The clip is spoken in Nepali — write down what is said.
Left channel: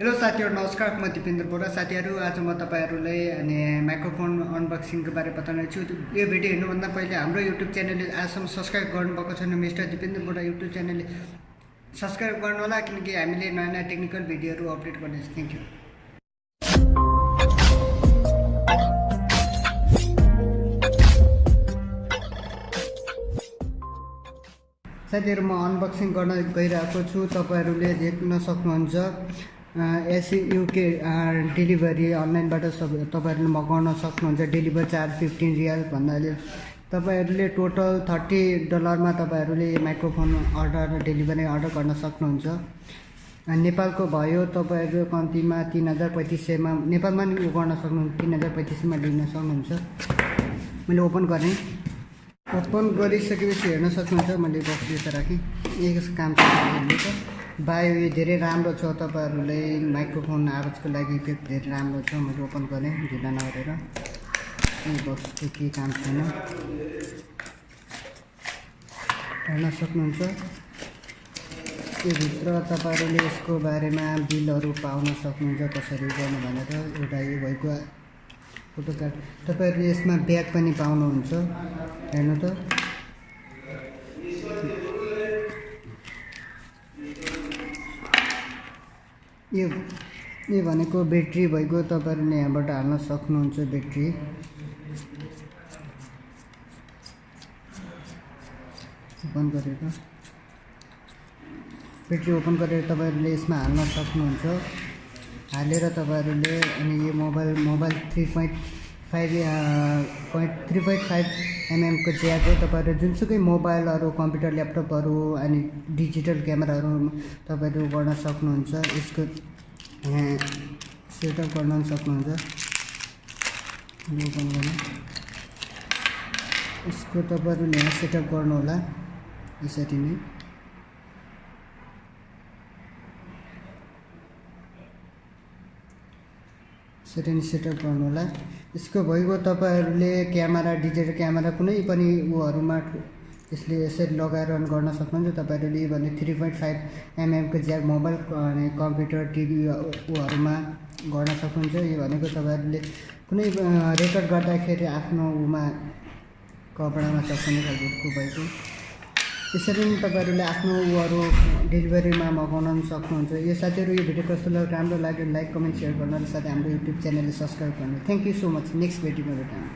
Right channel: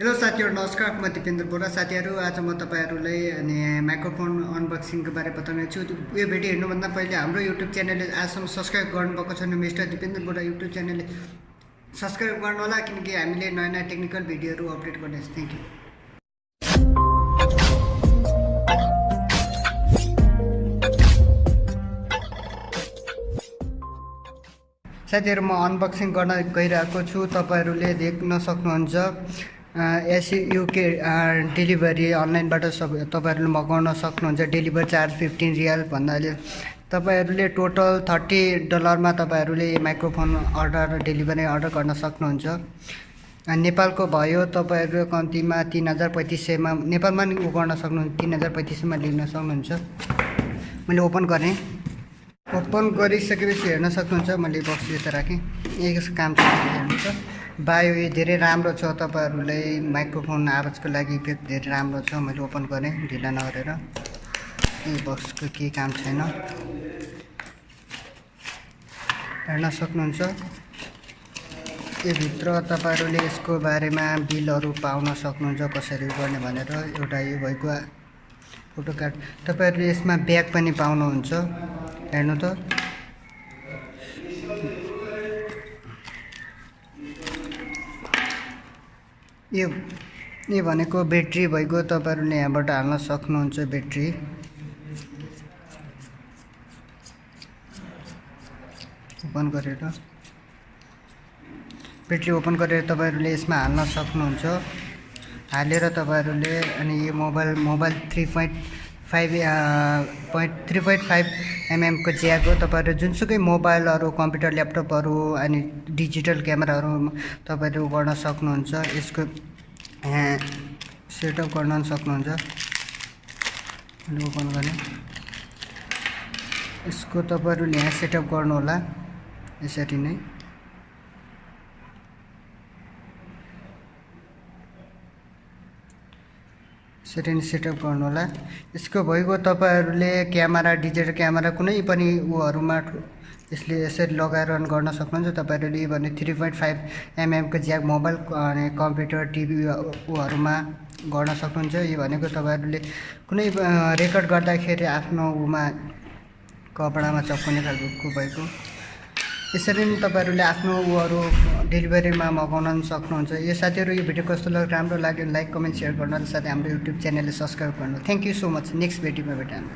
हेलो साथीहरु नमस्कार म दिपेन्द्र बोहरा साथीहरु आज म तपाईहरुलाई अनि माइक्रोफोन अनबक्सिङ को बारे बताउने छु। यो भिडियो हेर्नुभन्दा पहिले हाम्रो YouTube च्यानलले आजसम्म सब्स्क्राइब गर्नुभएको छैन मिस्टर दिपेन्द्र बोहरा YouTube च्यानलले सब्स्क्राइब गर्नु होला किनकि हामीले नयाँ नयाँ टेक्निकल भिडियोहरु अपडेट गर्नेछ। Thank you. साथीहरु म अनबक्सिङ गर्न गइरहेको छु। तपाईहरुले देख्न सक्नुहुन्छ UK डेलिभरी अनलाइनबाट सब तपाईहरुले मगाउन सक्नुहुन्छ। डेलिभर चार्ज 15 रियाल भन्नाले तपाईहरुले टोटल $30 मा तपाईहरुले माइक्रोफोन डेलिभरी अर्डर गर्न सक्नुहुन्छ। नेपालको भयो तपाईहरु कम्तिमा 3500 मा नेपालमा नि गर्न सक्नुहुन्छ। 3500 मा लिन सक्नुहुन्छ। मैले ओपन गरेँ। ओपन गरिसकेपछि हेर्न सक्नुहुन्छ मैले बक्स यता राखेँ। यसको काम हेर्नुहुन्छ। बायो यो धेरै राम्रो छ। तपाईहरुलाई माइक्रोफोन आवाजको लागि इफेक्ट धेरै राम्रो छ। मैले ओपन गरेँ ढिला नगरेर। यो बक्सको के काम छैन हेर्न सक्नुहुन्छ। यो भित्र तपाईहरुले यसको बारेमा बिलहरु पाउन सक्नुहुन्छ कसरी गर्ने भनेर। एउटा यो भएको फोटो कार्ड तपाईहरुले यसमा ब्याग पनि पाउनुहुन्छ। हेर्नु त यो भनेको ब्याट्री भएको तपाईहरुले यहाँबाट हाल्न सक्नुहुन्छ। ब्याट्री ओपन गरेर तपाईहरुले यसमा हाल्न सक्नुहुन्छ। हालेर तपाईहरुले अनि यो मोबाइल 3.5 mm को ज्याक हो। तपाईहरु जुनसुकै मोबाइलहरु कम्प्युटर ल्यापटपहरु अनि डिजिटल क्यामेराहरु तपाईहरु गर्न सक्नुहुन्छ। यसको सेटअप गर्न सक्नुहुन्छ। ओपन गरे यसको तपाईहरुले यहाँ सेटअप गर्नु होला। यसरी नै सेटअप गर्नु होला। यसको भएको तपाईहरुले क्यामेरा डिजिटल क्यामेरा कुनै पनि उहरुमा यसले यसरी लगाएर रन गर्न सक्नुहुन्छ। तपाईहरुले भने 3.5 mm को ज्याक मोबाइल अनि कम्प्युटर टिभी उहरुमा गर्न सक्नुहुन्छ। यो भनेको तपाईहरुले कुनै रेकर्ड गर्दाखेरि आफ्नो उमा कपडामा चप्ने खालको भएको यसरी नै तपाईहरुले आफ्नो उहरु डेलिभरीमा मगाउन सक्नुहुन्छ। यो साथीहरु यो भिडियो कस्तो लाग्यो राम्रो लाग्यो लाइक कमेन्ट शेयर गर्न साथै हाम्रो YouTube च्यानलले सब्स्क्राइब गर्नु। Thank you so much. Next भिडियोमा भेटौँ।